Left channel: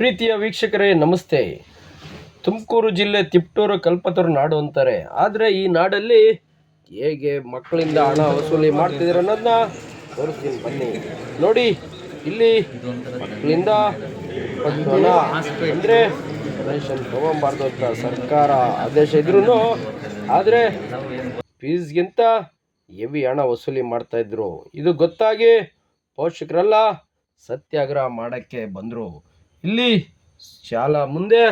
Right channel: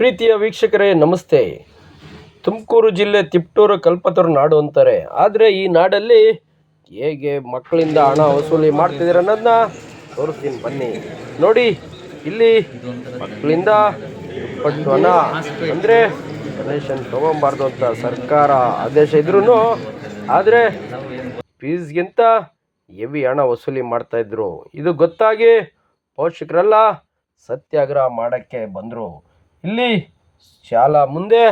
ಪ್ರೀತಿಯ ವೀಕ್ಷಕರೇ, ನಮಸ್ತೆ. ತುಮಕೂರು ಜಿಲ್ಲೆ ತಿಪ್ಟೂರು ಕಲ್ಪತರು ನಾಡು ಅಂತಾರೆ. ಆದರೆ ಈ ನಾಡಲ್ಲಿ ಹೇಗೆ ಮಕ್ಕಳಿಂದ ಹಣ ವಸೂಲಿ ಮಾಡ್ತಿದ್ರು ಅನ್ನೋದನ್ನ ತೋರಿಸ್ತೀನಿ, ಬನ್ನಿ. ನೋಡಿ, ಇಲ್ಲಿ ಮಕ್ಕಳಿಂದ ಹಣ ಅಂದರೆ ರೇಷನ್ ತೊಗೊಬಾರ್ದು ಅಂತ ಸರ್ಕಾರ ಆದೇಶ ಇದ್ರೂ ಆದರೆ ಫೀಸ್ಗಿಂತ ಎವಿ ಹಣ ವಸೂಲಿ ಮಾಡ್ತಾಯಿದ್ರು ಇದು ಗೊತ್ತಾಗಿ ಪೋಷಕರೆಲ್ಲ ಸತ್ಯಾಗ್ರಹ ಮಾಡೋಕ್ಕೆ ಬಂದರು. ಇಲ್ಲಿ ಶಾಲಾ ಮುಂದೆ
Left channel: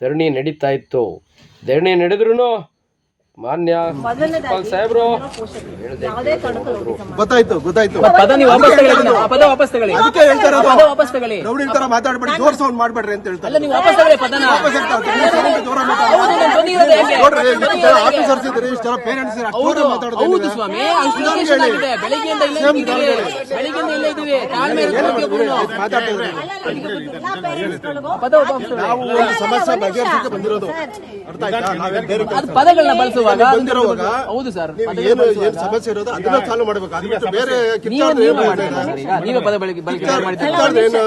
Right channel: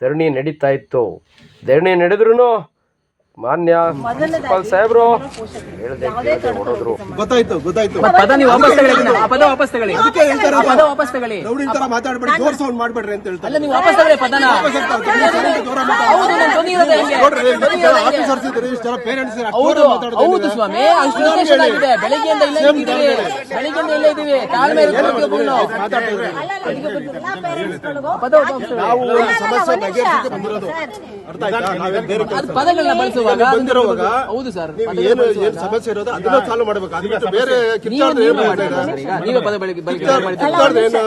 ಧರಣಿ ನಡೀತಾ ಇತ್ತು. ಧರಣಿ ನಡೆದ್ರೂ ಮಾನ್ಯ ಪ್ರಿನ್ಸಿಪಾಲ್ ಸಾಹೇಬ್ರು. ಹೇಳ್ದೆ ಗೊತ್ತಾಯ್ತು ಗೊತ್ತಾಯ್ತು. ಪದ ನೀವು ವಾಪಸ್ ತಗೊಳ್ಳಿ ಅದನ್ನ. ಆ ಪದ ವಾಪಸ್ ತಗೊಳ್ಳಿ. ಅದಕ್ಕೆ ಹೇಳ್ತಾರೆ ಪದ ವಾಪಸ್ ತಗೊಳ್ಳಿ. ರೌಡಿ ತರ ಮಾತಾಡ್ಬೇಡಿ ಜೋರ್ ಸೌಂಡ್ ಮಾಡ್ಬೇಡ್ರಿ ಅಂತ ಹೇಳ್ತಾರೆ. ಅಲ್ಲ ನೀವು ವಾಪಸ್ ತಗೊಳ್ಳಿ ಪದನ. ವಾಪಸ್ ಹೇಳ್ತಾರೆ, ನೀವು sound ಜೋರ ಮಾತಾಡಿ. ಹೌದು ನಾನು ಬಂದಿರೋದೇ ಹೆಂಗೆ? ನೋಡ್ರಿ ಇಷ್ಟು ಆಫೀಸರ್ಸ್ ಇದ್ರಿ ಇಷ್ಟು ಜನ ಪೇರೆಂಟ್ಸ್ ಹೌದು? ಸ್ವಾಮಿ ಅಷ್ಟು ಹೇಳಿ. ಆಗಿದೆ. ಬೆಳಿಗ್ಗೆಯಿಂದ ಇಲ್ಲೇ ಸೇಮ್ ಇದ್ದೀವಿ. ನಿಧಾನ ಹೇಳಿ. ಬೆಳಿಗ್ಗೆಯಿಂದ ಇಲ್ಲೇ ಇದ್ದೀವಿ. ತಾಳ್ಮೆ ಏನ್ ನೀವು. ಮಾತಾಡ್ತಾ ಇದ್ದೀರಿ. ಪದ ವಾಪಸ್ ತಗೊಳ್ಳಿ. ನಾವು ಒಂದು ಸಮಸ್ಯೆ ಬಗೆಹರಿಸಕ್ಕೆ ಬಂದಿರೋದು. ಅರ್ಥ ಆಯ್ತಾ? ನಾವೇನ್ ಬೇರೆ ಅದು ಕೆಲಸ ಪದಗಳನ್ನ ಬಳಸುವಾಗ ಬಂದಿರೋವಾಗ ಹೌದು ಸರ್ ನೀವು ಏನು ಸಮಸ್ಯೆ ಇರೋದು ಅದನ್ನ ಸಾಲ್ವ್ ಮಾಡ್ಬೇಕು. ಬೇರೆ ಕಿತ್ತಾಡ್ರೆ ಏನ್ ಮಾಡಿ ಮಾಡ್ತಾರೆ? ಈಗ ನೀವೇ ಪದ ಬಳಕೆ ಬಳಕೆ ಮಾಡಿದ್ದೀರಿ? ಕಿತ್ತಾಡ್ರೆ ಏನು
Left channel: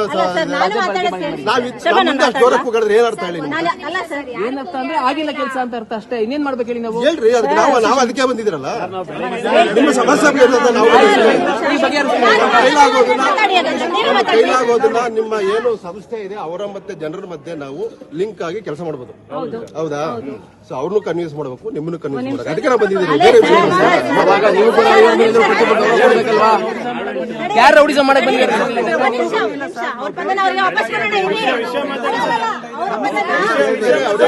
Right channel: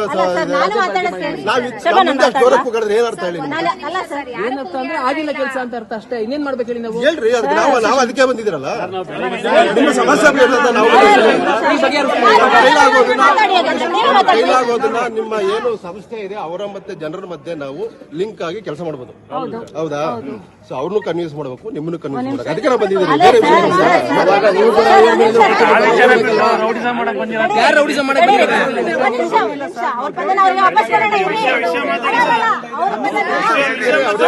ನಾವ್ ನಮ್ಮಿಂದ ಜೋರ ಕೂಗಾಡಿದ್ರೆ ಏನ್ ಅರ್ಥ ಹೇಳಿ ನಿಮ್ಗೆ? ಅಲ್ಲ ಸರ್ ಏನರ್ಥ ಅಂದ್ರೆ ಆಗಿಲ್ಲ ಕೆಲಸ ಅಂತ ಅರ್ಥ ಅಷ್ಟೇ. ಇನ್ನೇನ್ ಮಾಡ್ಬೇಕು ಹೇಳಿ ನಾವು? ಹೇಳ್ರಿ ಅದಕ್ಕೆ ನಾವು ನಾವು ಅದಕ್ಕೆ ಬಂದಿದ್ದೀರಲ್ಲ? ನಿಮ್ಮ ಸಮಸ್ಯೆ ನಾವು ಕೈಲಾಗೋದನ್ನ ನಿಮ್ಮ ಏನು ಸಂಸ್ಥೆ ಇದೆ ಅವರ ಮತ್ತೆ ಜನರ ಮಧ್ಯೆ ನಾವು ಲಿಂಕ್ ಆಗಿ ಕೆಲಸ ಮಾಡಬಹುದು ಹೌದಾ. ಸೊ ಅವ್ರನ್ನು ಕನ್ವಿನ್ಸ್ ಮಾಡಬೇಕು ನಿಮ್ಮನ್ನು ಮಾಡಬೇಕು ಅದಕ್ಕೆ ನಾವು ಬಂದಿದ್ದೀರಿ. ಬೇರೆ ವಿಷಯ? ಯಾರು ರೌಡಿಸಂ ಮಾಡಕ್ ಬಂದಿರೋದು ಅವ್ರ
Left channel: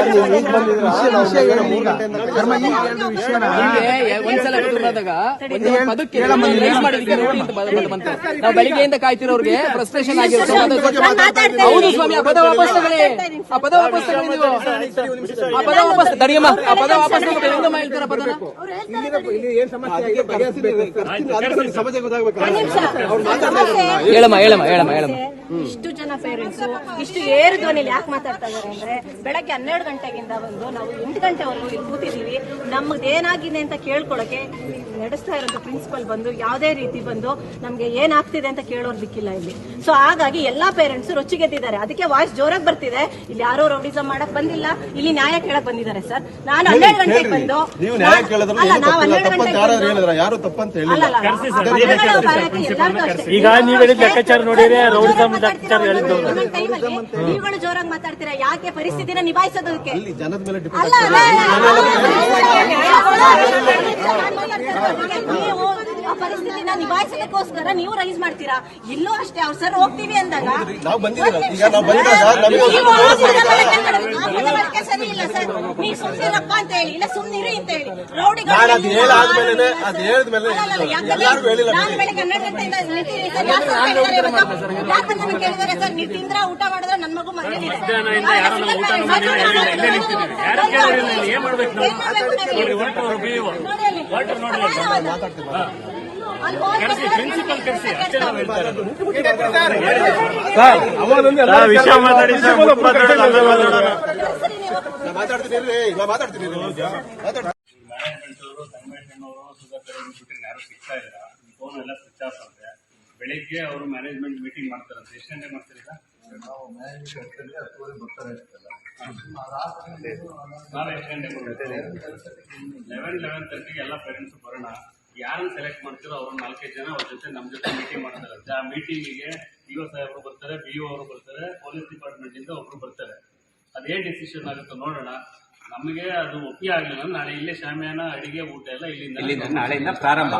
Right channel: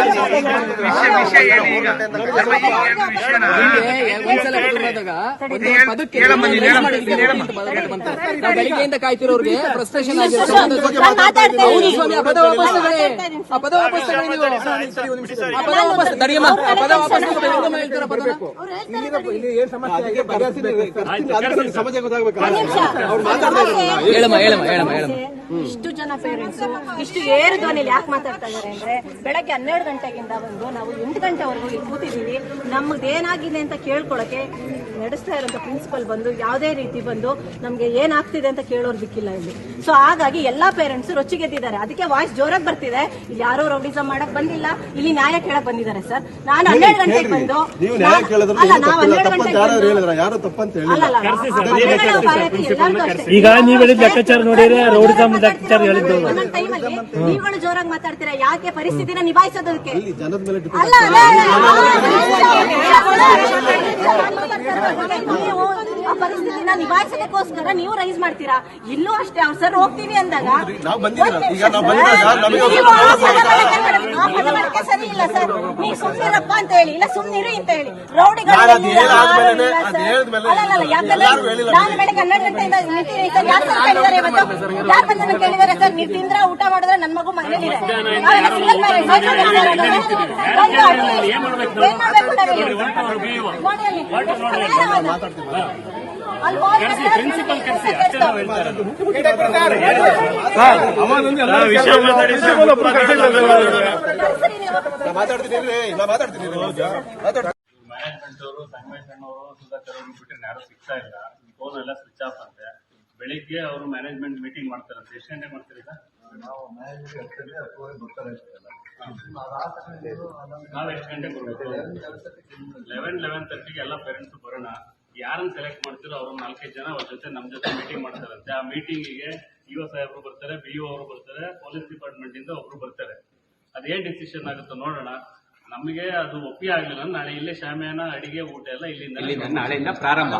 ವಿಷಯ ಹೇಳಿ ಈಗ ಈಗ ಎರಡು ವಿಷಯನ ಒಂದ್ಸಲ ಬೆಳಿಗ್ಗೆಯಿಂದ ಕಾಯ್ತಿರೋರ್ಗೆ ಫ್ರಸ್ಟ್ರೇಷನ್ ಆಗಿರುತ್ತೆ ಹೌದು ಸ್ವಾಮಿ ಆ ಪದ ವಾಪಸ್ ಆ ಪದ ವಾಪಸ್ ನೀವು ಆ ಪದ ವಾಪಸ್ ತಡಿಯಮ್ಮ ಆ ಪದ ವಾಪಸ್ ಹೇಳ್ತೀರಾ ಸಮಸ್ಯೆ ಹೇಳಮ್ಮ ಹೇಳಮ್ಮ ಹೇಳಮ್ಮ ಹೇಳಮ್ಮ. ಇಷ್ಟು ಜನ ಪೇರೆಂಟ್ಸ್ ಇಷ್ಟು ಏರು ಧ್ವನಿಲಿ ಯಾಕೆ ಮಾತಾಡ್ತಾ ಇದಾರೆ ಅಂದ್ರೆ ಬೆಳಗ್ಗೆ ಹನ್ನೆರಡು ಗಂಟೆಗಿಂದ ಬಂದು ನಾವು ಎಂಟು ಗಂಟೆವರೆಗೂ ಇಲ್ಲಿ ಕೂತಿದೀವಿ ನಮ್ಗೆ ಏನಾಗಿದೆ ಅಂತ ಕೇಳ್ಕೊಳಕ್ಕೆ ನಡೆಸ್ತಾ ಇರೋಂಥ ಪ್ರಿನ್ಸಿಪಲ್ ಬಂದು ಯಾವುದೇ ರೀತಿ ಬಂದು ನಮ್ಗೆ ಏನಾಗ್ತಿದೆ ಅಂತ ಕೇಳೋರ್ ದಿಕ್ಕಿಲ್ಲ ಇಲ್ಲಿ. ಸೊ ಹಾಗಾಗಿ ಎಲ್ಲಾ ಪೇರೆಂಟ್ಸ್ ರೊಚ್ಚಿಗೆದ್ದಿದ್ದಾರೆ. ಅದಕ್ಕೆ ವಾಯ್ಸ್ ಜೋರಾಗಿ ಬರ್ತಿದೆ. ಇಲ್ಲಿ ಯಾರೋ ರೌಡಿಸಂ ಮಾಡಕ್ ಬಂದಿಲ್ಲ. ಇಲ್ಲಿ ನ್ಯಾಯ ಕೇಳಕ್ ಬಂದಿದ್ದಾರೆ ಸರ್. ನಾನು ಹನ್ನೆರಡು ಗಂಟೆಗೆ ಬಂದು ಅಲ್ಲ ನಾವು ಹನ್ನೆರಡು ಗಂಟೆಗೆ ಅಲ್ಲ. ಈಗ ನೀವು ಲೆಕ್ಕಾಚಾರ ನೋಡಿದ್ರೆ ರೌಡಿಸಂ ಲೆಕ್ಕಾಚಾರ ಹೇಳಿದ್ದು ನೀವುಗಳು ಜೋರಾಗಿ ಮಾತಾಡ್ತೀರಾ ಯಾಕೆ ಪರಿಸ್ಥಿತಿನ ನಿಭಾಯಿಸೋದಕ್ಕೆ. ನೀವು ಆ ಪರಿಸ್ಥಿತಿನ ನಿಭಾಯಿಸೋದಕ್ಕೋಸ್ಕರ ನೀವು ರೈಸ್ ಮಾಡ್ತೀರಾ ಇಲ್ಲೂ ಅಷ್ಟೇ ಅವ್ರು ಸರ್ ಹೋಗ್ತೀವಿ ಅಂದಾಗ ಆ ಪದಬಳಕೆ- ಸರಿ ಇಲ್ಲ ಸರ್. ನೀವು ಸುಮ್ನಿರಪ್ಪ ಅಂತ ಹೇಳಿ. ಇಲ್ಲ ಸುಮ್ನಿರಿ ಅಂತ ಹೇಳಿ. ರೌಡಿಗಳು ನಾನು ಅದು ಎಲ್ಲೂ ಹೇಳಾದ್ಮೇಲೆ, ಯಾರು ಇಲ್ಲ ಅದು ಸರ್. ಹೇಳಿದ್ಮೇಲೆ ಅಲ್ಲ, ಅಲ್ಲ, ಯಾಕಂದ್ರೆ ನಾನು ಬೆಳಗ್ಗೆ ಹನ್ನೆರಡು ಗಂಟೆಯಿಂದ ನಿಂತಿದ್ದೀನಿ ಸರ್. ಯಾರು ಬಂದು ಕೇಳಿದ್ದಾರೆ ಇವತ್ತು? ಯಾರು ಬಂದು ನನಗೆ ಕೇಳಿದ್ದಾರೆ ಸರ್? ನೀವು ತಿಂದ್ರ ಊಟ ಮಾಡಿದ್ರೆ ನನ್ನ ಮಗು ಮನೇಲಿದೆ ಏನ್ ಮಾಡ್ಬೇಕು? ಪ್ರಿನ್ಸಿಪಲ್ ಕರೆಸಿ ಅಷ್ಟೇ ನಾವು ಹೇಳ್ತಾ ಇರೋದು ಮ್ಯಾನೇಜ್ಮೆಂಟ್ ಅವರು ಸುಧಾಕರ್ ಅವರು ಬಿಟ್ಟರೆ ಯಾರು ಸಿಗ್ತಾ ಇಲ್ಲ? ಫೋನ್ ಎಲ್ಲ ಸ್ವಿಚ್ ಆಫ್ ಅಂತೆ ಬೆಳಿಗ್ಗೆ ಅವರು ಮ್ಯಾನೇಜ್ಮೆಂಟ್ ಮೀಟಿಂಗ್ ಮಾಡ್ತಾರಂತೆ ಎಷ್ಟು ಗಂಟೆಗೆ ಮಾಡ್ತಾರೆ ಬರ್ತಾರೆ ನಾವು ಎಷ್ಟು ಗಂಟೆಗೆ ಬರಬೇಕು? ಲೆವೆನ್ ಲೆವೆನ್ ತರ್ಟಿಗೆ ಎಲ್ಲ ಪೇರೆಂಟ್ಸ್ ಬರೋಣ. ಯಾರನ್ನ ಸೆಲೆಕ್ಟ್ ಮಾಡ್ತೀರೋ ಅವ್ರು ನಾಲ್ಕೈದು ಜನ ಅವ್ರ ಜೊತೆ ನಮ್ಮ ಜೊತೆ ಮೀಟಿಂಗ್ ಮಾಡ್ತಾರಂತೆ. ಆ ಮೀಟಿಂಗಿಗೆ ಇ ಒ ಸಾಹೇಬರು ಬರ್ತಾರೆ, ಬಿ ಅವರು ಬರ್ತಾರೆ ಪೊಲೀಸ್ ಡಿಪಾರ್ಟ್ಮೆಂಟ್ ಇಂದ ಒಬ್ರು ಬರ್ತಾರೆ. ಅದೇನ್ ಡಿಸಿಷನ್ ಆಗುತ್ತೋ ನೋಡೋಣ. ನಮಗೆ ಅದು ಒಪ್ಪಿ ಆಗಲಿಲ್ಲ ನಾಳೆ ಇಲ್ಲೇ ಶಾಮಿಯಾನ ಅಡಿಗೆ ಊಟ ಎಲ್ಲ ಇಲ್ಲಿಂದ ನಾಳೆಯಿಂದ ಪ್ರಾರಂಭ.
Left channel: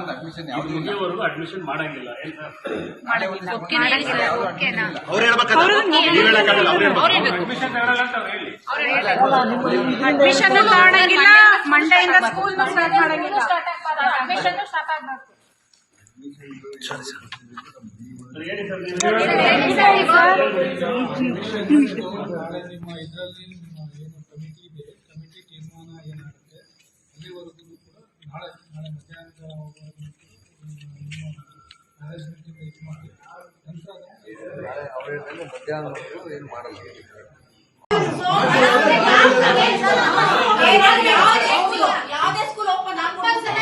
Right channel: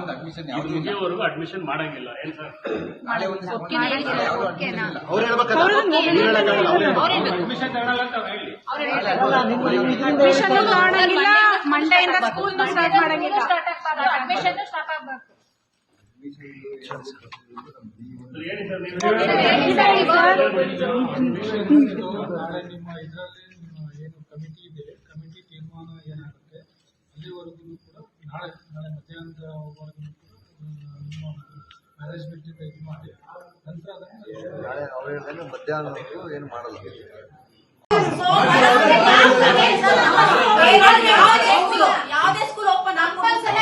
ಇದು ಮುಗಿಯೋವರೆಗೂ ಅಡ್ಮಿಷನ್ ಮಾಡಂಗಿಲ್ಲ. ಏನ್ ಸರ್? ಅವ್ರು ಹೇಳ್ಬೇಕಲ್ಲ? ನೀವ್ ಹೇಳಕ್ಕಾಗಲ್ಲ ಅವ್ರು ಹೇಳ್ಬೇಕು. ಅಡ್ಮಿಷನ್ ಮಾಡಂಗಿಲ್ಲ. ಮಂಡೆಯಿಂದ ಸ್ಕೂಲ್ ಸ್ಟಾರ್ಟ್ ಮಾಡಂಗಿಲ್ಲ ಅಡ್ಮಿಷನ್ ಸ್ಟಾರ್ಟ್ ಆಗ್ಬೇಕು ಸರ್, ಹೇಳಿ ಸರ್ ನೀವು ನಾಳೆ ನಿಮ್ಮ ಇದರಲ್ಲಿ ತೀರ್ಮಾನ ಏನಾಗುತ್ತೆ? ಅಲ್ಲಿವರೆಗೂ ಕೂಡ ನಾಳೆ ನಾಳೆ ಮಧ್ಯಾಹ್ನದವರೆಗೂ ಕೂಡ ನಿಮ್ಮ ಮ್ಯಾನೇಜ್ಮೆಂಟಿಂದ ಇದು ಮಾಡಿ ನಂತರ ಏನು ಯಾವುದೇ ಸ್ಕೂಲ್ ಓಪನ್ ಅಡ್ಮಿಷನ್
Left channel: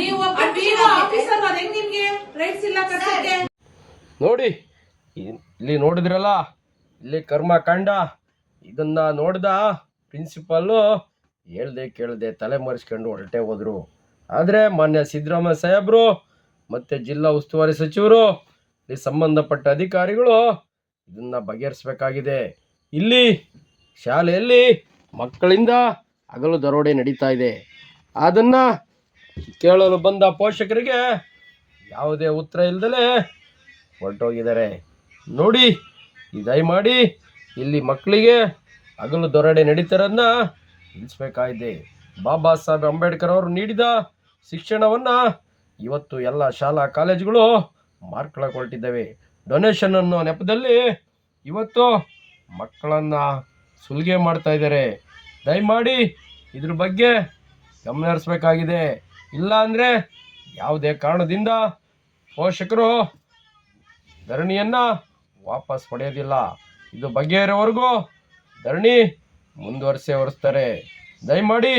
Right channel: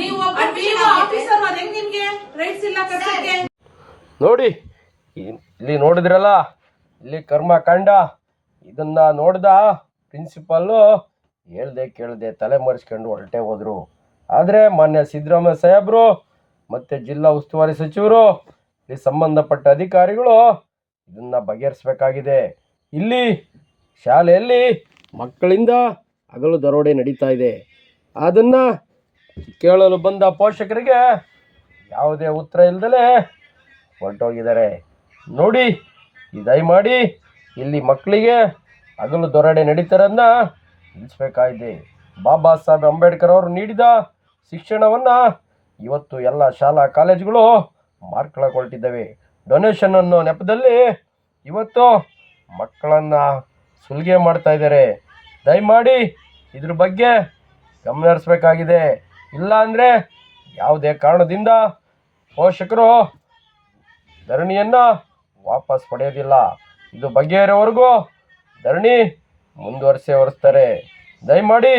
ನೀವು ಒಬ್ಬ PO ಆಫೀಸರ್ ಅದ್ ಹೆಂಗ್ ನಿಮ್ಗೆ ರೈಟ್ಸ್ ಇಲ್ಲ ಕರ್ಸಕ್ಕೆ ನೋಡಿ, ಇಲ್ಲಿ ನೋಡಿದ್ರಲ್ಲ, ಇಲ್ಲಿ ಕರ್ಮ ಕಂಡ, ಇದನ್ನ ನೋಡ್ದ ಪ್ರಿನ್ಸಿಪಾಲು ಹೇಳ್ದೆ ಕೇಳ್ದೆ ತಲೆ ಮರೆಸ್ಕೊಂಡು ಹೊರಟೆ ಹೋದ್ರು. ಆದರೆ ಮಾನ್ಯ ಸಿದ್ದರಾಮಯ್ಯ ಸಾಹೇಬ್ರು ಮತ್ತು ಜಿಲ್ಲಾ ಉಸ್ತುವಾರಿ ಸಚಿವರು, ಇಲ್ಲಿ ಸಂಬಂಧಪಟ್ಟ ಅಧಿಕಾರಿಗಳು ಇದನ್ನ ಬಗೆಹರಿಸಬೇಕಾಗಿದೆ. ಇಲ್ಲಿ ಶಾಲೆಯಲ್ಲಿ ಮಕ್ಕಳಿಂದ ಹಗಲು ದರೋಡೆ ನಡೀತಾ ಇದೆ. ಅದನ್ನು ಕೇಳಲು ಬಂದ ಪೋಷಕರಿಗೆ ಯಾವುದೇ ಉತ್ತರ ಇಲ್ದಲೇ ಹೊರಟೋಗಿದ್ದಾರೆ. ನೋಡಿ ದಯಮಾಡಿ ಇಲ್ಲಿ ಮಕ್ಕಳಿಗೆ ಹಗಲು ದೊರಡೆ ನಡೀತಾರನ್ನ ನಿಲ್ಲಿಸ್ಬೇಕಾಗಿದೆ ಬಾಬಾ ಸಾಹೇಬ್ ಅಂಬೇಡ್ಕರ್ ಅವರು ನೀಡಿದ ಶಿಕ್ಷಣವನ್ನು ಇವತ್ತು ಎಲ್ಲ ಶಾಲಾ ಕಾಲೇಜುಗಳು ಮಾರ್ಕೊಳಕ್ಕೆ ಹೊರಟಿದ್ದಾವೆ ಡೊನೇಷನ್ ಅನ್ನೋ ನೆಪದಲ್ಲಿ ಇವತ್ತು ಮಕ್ಕಳನ್ನು ಸುಲಿಗೆ ಮಾಡ್ತಾ ಇದ್ದಾರೆ. ದಯಮಾಡಿ ಇದ್ರ ಬಗ್ಗೆ ಗಮನ ಹರಿಸ್ಬೇಕಾಗಿದೆ. ಇಲ್ಲ ಅಂದರೆ ಯಾವುದೇ ಕಾರಣದಿಂದ ಪೋಷಕರು, ಧರಣಿಯನ್ನು ವಾಪಸ್ ಪಡೆಯೋದಿಲ್ಲ. ಇದು ಬಗೆಹರಿವರೆಗೂ ಧರಣಿ ಮುಂದುವರಿಸೇ ಹೊರಿಸ್ತಾರೆ ದಯಮಾಡಿ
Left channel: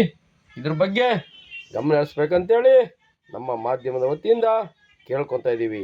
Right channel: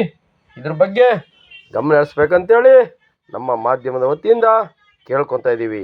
ಇದ್ರ ಬಗ್ಗೆ ಗಮನ ಹರಿಸ್ಬೇಕಂತೇಳಿ ನಮ್ಮ ಮಾಧ್ಯಮದ ವತಿಯಿಂದ ಕೇಳ್ಕೊತಾ ಇದ್ದೀವಿ.